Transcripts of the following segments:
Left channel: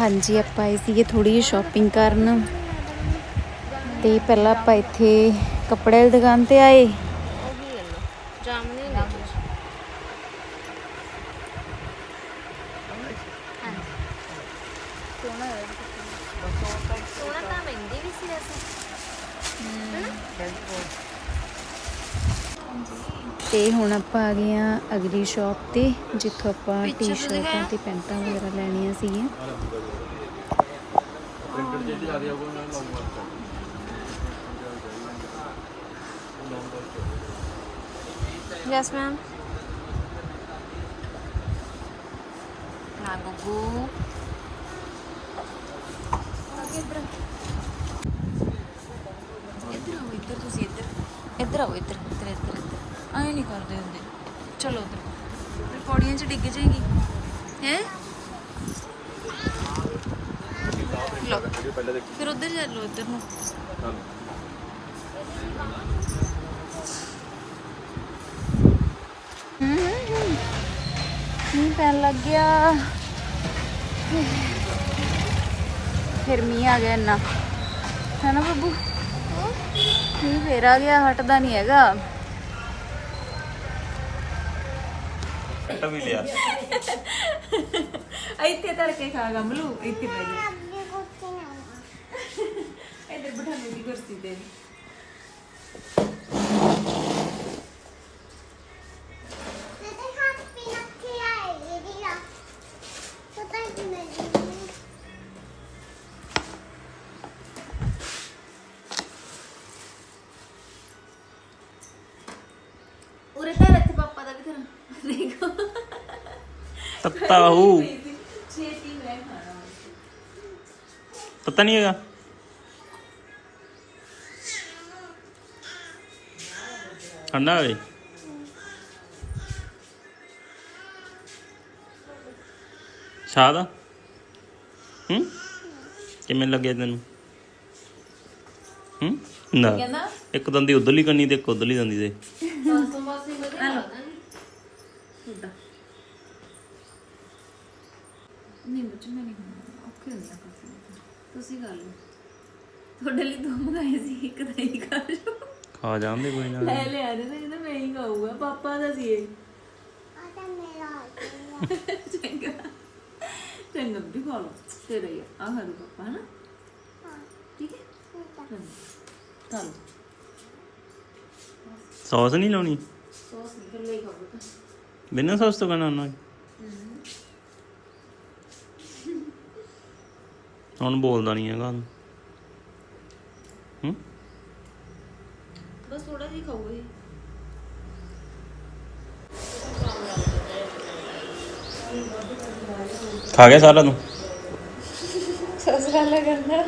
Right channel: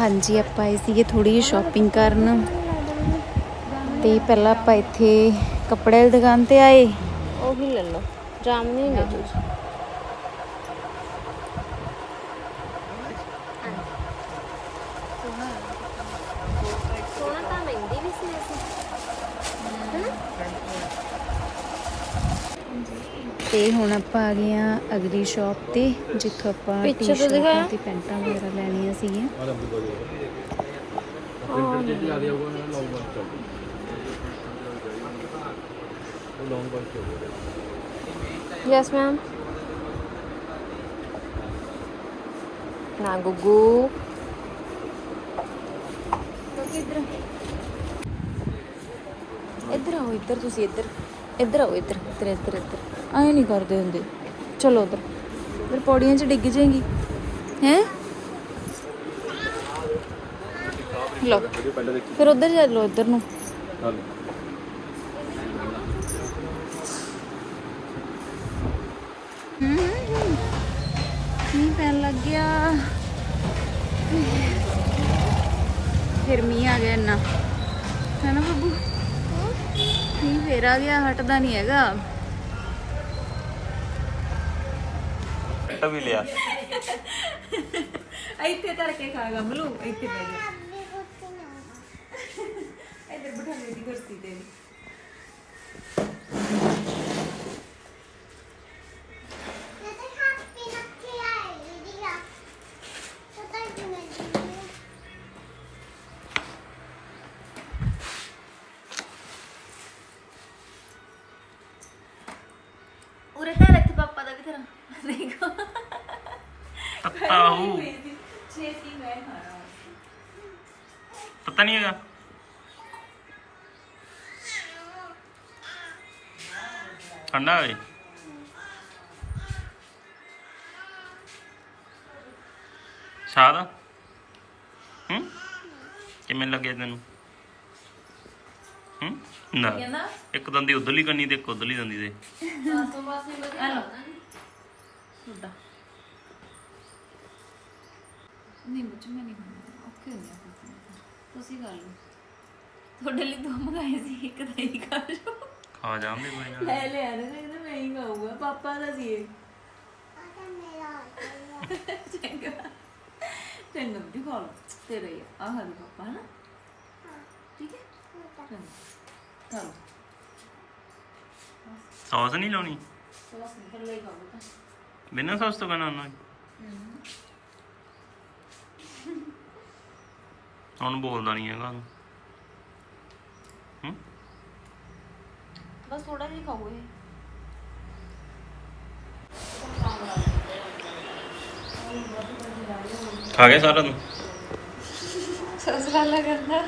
ਹਾਂਜੀ ਆਪਾਂ ਆਏ ਸੀਗੇ ਥੋੜੀ ਜਿਹੀ ਸ਼ਾਪਿੰਗ ਕਰਨ। ਤੇ ਪਹਿਲਾਂ ਆਪਾਂ ਇੱਥੇ ਕੱਪੜੇ ਦੀ ਦੁਕਾਨ ਤੇ ਆਏ। ਉਹ ਵੀ ਲੈ ਲਓ। ਜਾਮਨੀ ਲੈ ਲਓ। ਸੀ ਅਸੀਂ। ਤੇ ਹੁਣ ਆਪਾਂ ਆ ਗਏ ਆ ਅਗਲੀ ਸ਼ਾਪ ਤੇ ਜਿੱਥੋਂ ਆਪਾਂ ਟੀ-ਸ਼ਰਟਾਂ? ਤੇ ਪੈਂਟਾਂ ਵਗੈਰਾ ਲੈਣੀਆਂ ਸੀਗੀਆਂ। ਯੈਸ ਮੈਮ ਨਾ ਗੁੱਗੂ ਇੱਧਰ ਆਓ ਇੱਧਰ ਤੁਸੀਂ ਇੱਧਰ। ਇੱਧਰ ਆਓ, ਇੱਧਰ ਇੱਧਰ ਇੱਧਰ ਇੱਧਰ। ਆਏ ਨਹੀਂ ਕਰਦੇ ਹੁੰਦੇ। ਚਲੋ ਉੱਧਰ। ਫਿਰ ਪੌੜੀਆਂ 'ਚ ਡਿੱਗ ਜਾਏਗੀ। ਹੈ? ਲੋ ਫਿਰ ਉੱਧਰ ਜਾ ਲਓ, ਇੱਧਰ ਨੂੰ। ਮੀਂਹ ਪੈਣ ਲੱਗ ਗਿਆ। ਫਿਰ ਮੀਂਹ ਆ ਗਿਆ ਇੰਨਾ। ਹੈ ਨਾ ਬੱਬੂ? ਮੀਂਹ ਫੇਰ ਆ ਗਿਆ ਹਟਦਾ ਨਹੀਂ ਹੈਗਾ। ਕੱਟ ਵੀ ਲਿਆ। ਇੱਥੇ ਧਰ ਕੇ ਖਾ ਗਮਲੂ ਇੱਥੇ ਬੈ ਜਾ। ਇੱਧਰ ਬਿਠਾ ਮੇਰੀ ਕੁਰਸੀ ਤੇ। ਧਰਾਂ ਦੇਖੋ। ਤੱਤਾ ਹੂ। ਛੇਤੀ ਮੈਂ ਖਾਣਾ। ਤੱਤਾ ਨਹੀਂ ਹੈਗਾ। ਠੰਡਾ ਹੋਵੇ। ਸਾਦ? ਹੂੰ? ਕਿਵੇਂ ਲੱਗਿਆ ਤੈਨੂੰ? ਹੂੰ? ਨਾ। ਕਹਿੰਦਾ? ਇੱਕ ਦੰਦੀ ਉਧਰਲੀ ਕੰਨੀ ਤੇ ਇੱਕ ਉਧਰਲੀ ਦੰਦੀ ਦੇ। ਹਲੋ ਉੱਡਾ ਨਹੀਂ ਮੁੱਝ ਮੈਂ ਨਹੀਂ ਖਾਣਾ ਔਖੇ ਹੁੰਦੇ ਆ ਕਾਫੀ ਤੁਸੀਂ ਕਰ ਲਓ। ਤੁਹਾਡੇ ਲਈ ਦੋ ਮੰਗਾਏ ਸੀ ਇੱਕ ਤਾਂ ਹੀ ਖਾ ਲਓ। ਖਾ ਜਾਂਦੇ ਕੋਈ ਨਾ। ਲੈ ਲਿਆ ਨਾ ਕਹਿੰਦਾ ਮੈਂ ਹੀ ਖਾਊਗਾ। ਪਾਪਾ ਦਾ ਸੀ ਇਹ। ਚੰਗਾ। ਚੰਗਾ ਵੀ ਖਾ ਲਓ। ਤੇਰਾ ਹੀ ਆ। ਆਹ ਲਓ ਪਾਪਾ ਹਨਾ? ਠੀਕ ਹੈ? ਲਓ। ਸੌਸ ਨਹੀਂ ਲਾਉਣੀ? ਸੌਸ ਨਹੀਂ ਫਿਰ ਲਈ ਖਾਊਗਾ ਬਿਨਾਂ ਸੌਸ ਤੋਂ ਖਾਣਾ ਨਾ ਹੁਣ ਬੋਲਦਾ ਨਹੀਂ ਹੈਗਾ ਹੂੰ? ਬਸ ਥੋੜਾ ਜਿਹਾ ਖਾਓ ਇਹ। ਖਾ ਗਿਆ ਸਾਰਾ ਤੂੰ? ਸੌਸ ਵਾਲਾ ਕਰਨਾ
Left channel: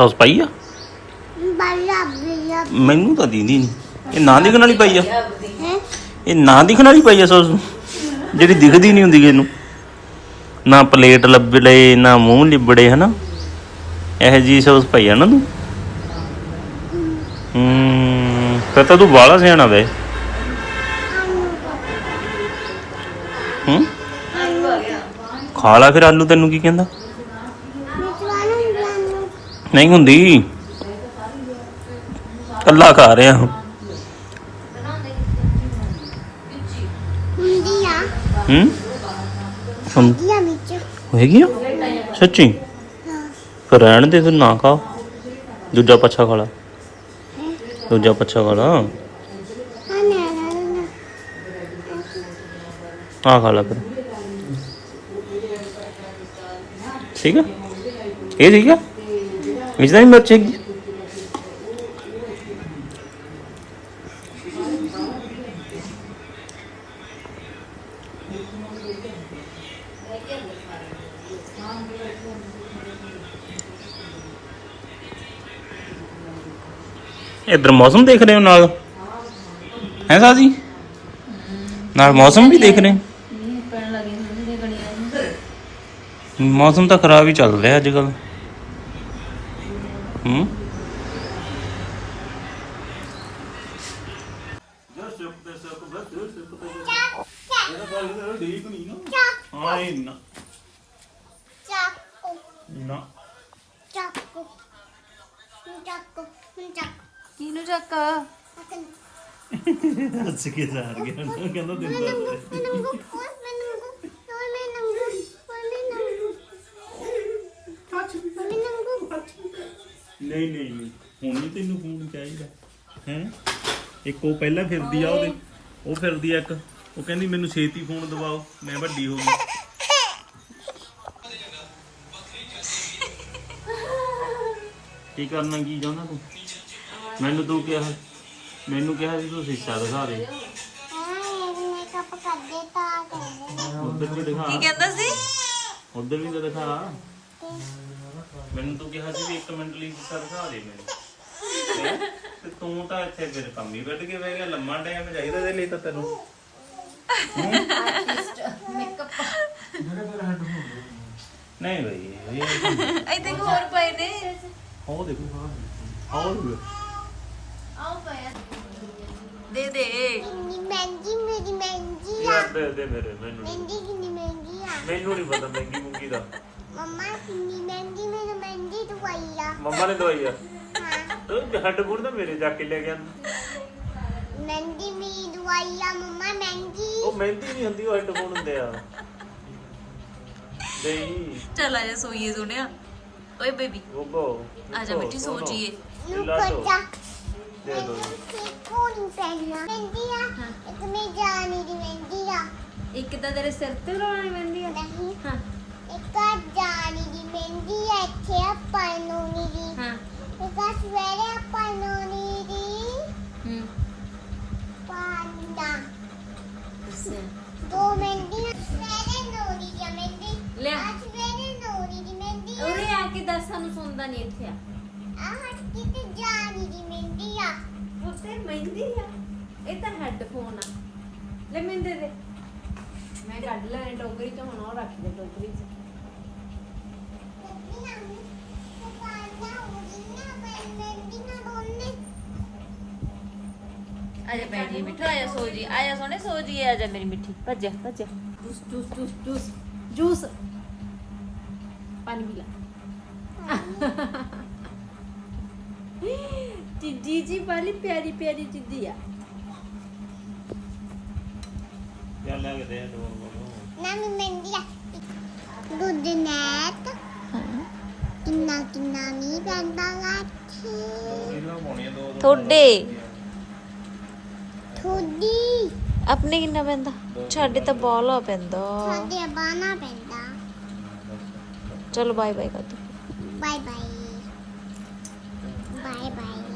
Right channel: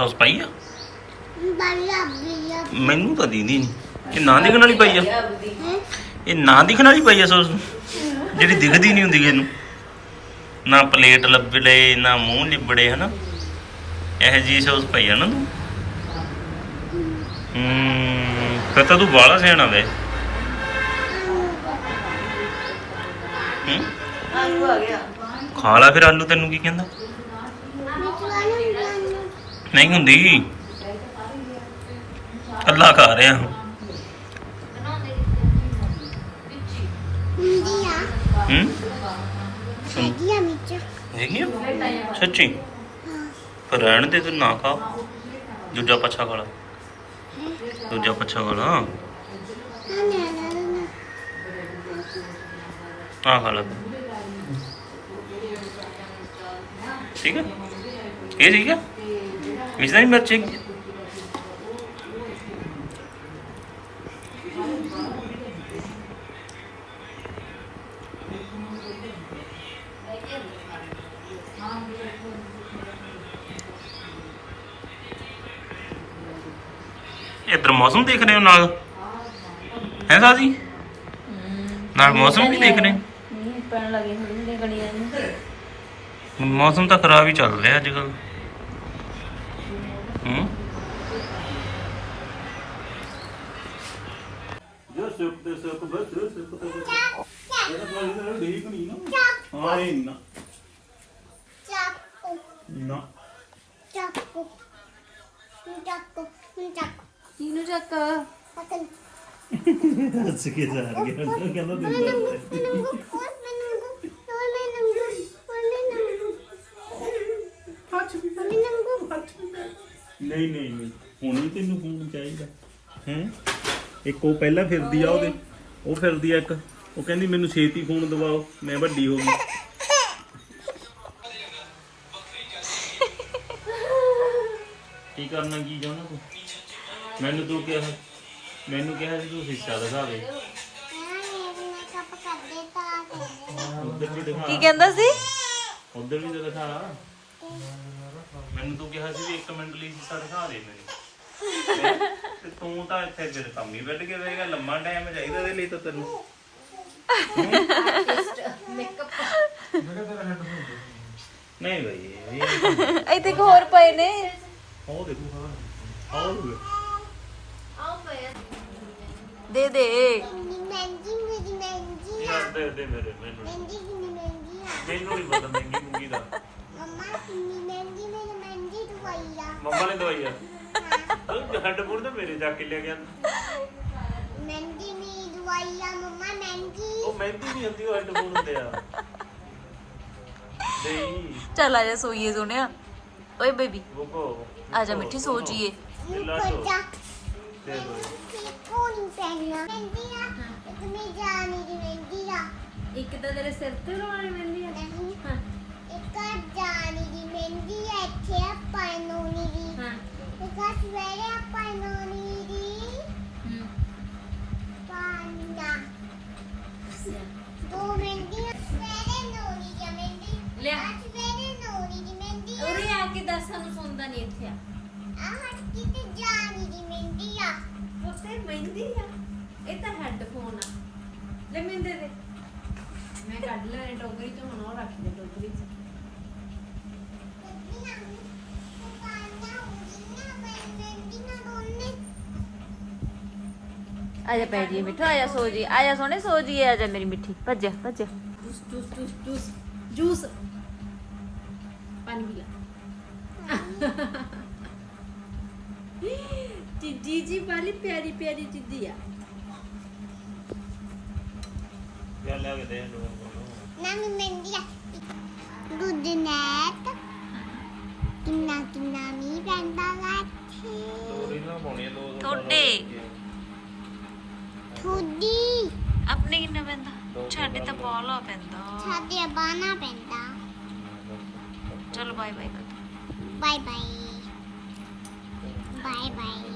ਸੌਸ ਪਾਈ ਆ? ਮੈਨੂੰ ਤਾਂ ਦੀਦੀ ਨਹੀਂ ਇਹ ਨਾ ਦਿਖਣ ਵਾਲੀ ਪਾਈ ਆ? ਇਹ ਨਾ ਦਿਖਣ ਵਾਲੀ ਪਾਈ ਆ ਸੌਸ ਜਿਹੜੀ ਦਿਖਦੀ ਨਹੀਂ ਹੁੰਦੀ ਇਹਨੂੰ। ਨਾ ਪਲੇਟ ਲੱਭ ਲਏ ਨਾ ਮੂੰਹ ਲਿਬੜੇ ਹਨਾ? ਇਹ ਜੀ ਸੌਸ ਪਾਈ ਆ ਨਾ ਤੂੰ? ਹੂੰ ਫਿਰ ਤਾਂ ਤੂੰ ਬਾਹਲਾ ਸਿਆਣਾ ਵੇ। ਹੂੰ? ਖਾ ਲਾ ਫਿਰ ਆਲੂ ਤੈਨੂੰ ਕੀ ਕਹਿੰਦਾ? ਨਹੀਂ ਹੁੰਦੀ। ਅੱਲਾ ਖਾ ਰਿਹਾ ਹੂੰ ਹੂੰ? ਸੁਣ। ਹੈਗੀ ਆ? ਸੱਚੀ? ਫਿਰ ਰਹਿਣ ਦੇ ਤੂੰ ਨਾ ਖਾ ਦੂਜਾ ਪੱਛਾ ਖਾ ਲਾ। ਦੂਜਾ ਪੱਛਾ ਖਾ ਲਾ। ਆ ਖਾ ਲਾ ਫਿਰ। ਠੀਕ ਆ? ਇਹ ਠੀਕ ਆ? ਤਾਂ ਨਹੀਂ ਮਿਰਚ ਇਧਰ ਮੌਸਮ ਦੇਖ ਰਹੇ ਹੋ ਨਾਲ ਹੈ ਸਾਜੀ ਨਾਲ ਮੌਸਮ ਵੀ ਦੇਖ ਰਹੇ ਹੋ ਪੈਣ ਲੱਗੀ ਹੁੰਦੀ ਗਲੀਆਂ ਮੌਸਮ ਤਾਂ ਖਰਾਬ ਹੀ ਚੱਲ ਰਿਹਾ ਅੱਜ ਕੱਲ ਹੂੰ ਸੁੱਕ ਤੇ ਸੁੱਕ ਬਸ ਸੁੱਕ ਤੇ ਸੁੱਕ ਇਹਦਾ ਗੱਲ ਮੇਰਾ ਠੀਕ ਨਹੀਂ ਨਾ ਹਾਂ ਇਹ ਨਾ ਚਾਕੂ ਨਾ ਚਾਕੂ ਚਾਕੂ ਚਾਕੂ ਕਿਨੂੰ ਚੱਕ ਅਕਲ ਹੱਸ ਕੇ ਜਾ ਰਿਹਾ ਕਹਿੰਦਾ ਦਿੰਦਾ ਨੰਗੂ ਨੰਗੂ ਕੋਲ ਮੈਂ ਨੰਗੂ ਕੋਲ ਮੈਂ ਨੰਗੂ ਕੋਲ ਮੈਂ ਨੰਗੂ ਕੋਲ ਮੈਂ ਨੰਗੂ ਨਹੀਂ ਨਹੀਂ ਨਹੀਂ। ਹੁਣ ਤੈਨੂੰ ਫੋਨ ਚਾਹੀਦਾ। ਹੈ? ਇੱਕ ਉਹ ਪਹਿਲਾਂ ਫਿਰਦੀ ਆ ਉਹਦੇ। ਉਹ ਫਿਰਦੀ ਆ ਇੱਕ। ਉਹ ਕਹਿੰਦੀ ਮੈਨੂੰ ਛੇਤੀ ਫੋਨ ਦਵਾਓ। ਮੈਂ ਵੱਡੀ ਹੋ ਗਈ। ਕੀ ਕਰਨਾ ਕੀ ਚਾਹੁੰਦਾ ਤੂੰ? ਮੈਨੂੰ ਤੂੰ ਕਿਹਾ ਮੈਨੂੰ ਕਿਹਾ ਸੀ ਤੂੰ ਹਿੱਸਾ ਦਿਖਾ ਦੇ। ਉਧਰ ਵੀ ਦਿਖਾ। ਕੀ ਕਹਿੰਦਾ ਸੀ? ਉਧਰ ਵੀ ਤਾਂ ਦਿਖਾ। ਮੈਨੂੰ ਤੂੰ ਕਿਹਾ ਸੀ ਵੀ ਇੱਕ ਮਿੰਟ ਲਈ ਹਿੱਸਾ ਦਿਖਾ ਦੇ ਮੈਨੂੰ। ਹੈਂ? ਤੇ ਤੂੰ ਤਾਂ ਇੱਥੇ ਫਿਰ ਕੰਮ ਹੀ ਵੱਢ ਕੇ ਬਹਿ ਗਿਆ ਲੰਮਾ ਟਾਈਮ ਚਾਹੀਦਾ ਇਹਦੇ ਲਈ ਤਾਂ ਤੈਨੂੰ। ਨਹੀਂ ਬਈ ਇਹ ਇੱਥੇ ਇੱਕ ਹੋਰ ਪਏ ਨੇ। ਆਓ ਦੇਖੋ ਆਓ ਦੇਖੋ ਦੇ। ਦੇ ਕਿੰਨੀ ਮਹਿੰਗੀ ਮੇਰੀ ਮਹਿੰਗੀ ਆ। ਯਾਰ ਦੇ ਦੇ ਮੇਰੇ ਮੈਨੂੰ। ਮਹਿੰਗੀ ਕਿੰਨੀ ਮਹਿੰਗੀ ਆ? ਮੈਨੂੰ ਨਹੀਂ ਪਤਾ ਮਹਿੰਗੀ ਮੁੰਗੀ ਦਾ। ਮੰਮਾ ਕਿੰਨੀ ਮਹਿੰਗੀ ਮੇਰੀ ਮਹਿੰਗੀ ਦਵਾਈ ਆ ਮੰਮਾ ਨੇ ਦਵਾਈ ਆ ਹਾਂ ਉਹ ਹੱਡ ਬੁੜ ਤਾਂ ਮੇਰੇ ਜਾ ਕੇ ਲੈ ਗਿਆ ਮਹਿੰਗੀ ਮੇਰੀ ਦਵਾਈ ਆ ਮੰਮਾ ਮਹਿੰਗੀ ਉਹ ਮਹਿੰਗੀ ਨਹੀਂ ਹੁੰਦੀ ਉਹ ਹੱਡ ਬੁੜ ਹੁੰਦੇ ਆ ਨਹੀਂ ਚੱਲ ਆ ਜਾ ਸੋਈਏ ਸੋਹਣਿਆ ਓਏ ਬੇਬੀ ਉਹ ਕੋ ਆ ਜਾ ਮਿੱਠੀ ਸੋ ਜੀਏ ਨੂੰ ਕੋਜਾ ਮੈਨੂੰ ਸਿੱਖੋ ਨਹੀਂ ਪੈਣਾ ਮਹਿੰਗੀ ਆ ਇੱਕ ਮੈਂ ਜਾਣੀ ਦੀ ਮਹਿੰਗੀ ਆ ਇੱਕ ਤਾਂ ਤੇਰੇ ਸਿਰ ਤੇ ਲਾਉਣੀ ਪੈਂਦੀ ਆ ਨਹੀਂ ਹਾਂ ਇੱਕ ਜਾਣੀ ਦੀ ਮਹਿੰਗੀ ਆ ਇੱਥੇ ਆ ਪਾਇਨੋਨੀ ਦੀ। ਹਾਂ। ਇੱਕ ਸਵੇਰੇ ਆ ਪਾਇਨੋਨੀ ਦੀ। ਹੂੰ। ਪਾਂਡਾ ਦੋ ਮਹਿੰਦੀਆਂ ਸਵੇਰੇ ਨੋਰੀ ਦੀ ਮਹਿੰਦੀ। ਲਿਆ। ਆ ਸਵੇਰੇ ਨੋਰੀ ਦੀ ਮਹਿੰਦੀ ਆ। ਉਰੇ ਆ ਕੇ ਦੱਸ ਸਾਨੂੰ ਸੁਣਦਾ ਨਹੀਂ ਇੱਥੇ ਆ। ਆ ਹੱਟੀ ਤੇ ਜਾਣੀ ਦੀ ਮਹਿੰਦੀ ਆ। ਉੱਤੇ ਮਹਿੰਦੀ ਆ। ਇਹ ਤਾਂ ਹੈੱਡਫੋਨ ਆ। ਲੈ ਮੈਨੂੰ ਦੇ। ਮੈਂ ਕੱਢ ਲੈਣੇ ਟੋਕਰੀ ਤੋਂ ਹੁਣ ਉਹ ਰੱਖ ਦੇ ਟੋਕਰੀ 'ਚ। ਤੇ ਪਾਂਡਾ ਹੋਣੀ ਨਾ ਮੈਂ ਮਹਿੰਦੀ ਨਾ ਦੋਨੇ ਆ ਜਾ ਬੈਠ ਜੀ ਮਿੱਠੂ ਆ ਜਾ ਸੋ ਜੀ ਆ ਜਾ ਸੋਹਣੇ ਸੋ ਜੀ ਆ ਜਾ ਮੇਰੀ ਮਿੱਠੀ ਭੱਜ ਜਾ, ਭੱਜ ਜਾ। Juice juice juice juice juice ਕਿੰਨਾ ਕਿੰਨਾ ਮੀਂਹ ਪੈਂਦਾ ਲਾਥੇ ਥੋੜੇ ਥੋੜੀ ਆਪਣੇ ਕਿੰਨਾ ਪੈਂਦਾ? ਸਾਡੇ ਤਾਂ ਬਾਲਾ ਪੈਂਦਾ। ਸਾਡੇ ਬਾਣਾ ਪੈਂਦਾ। ਚਲੋ ਬਾਏ ਬਾਏ ਕਰ ਦੋ ਬਾਏ ਬਾਏ। Bye bye.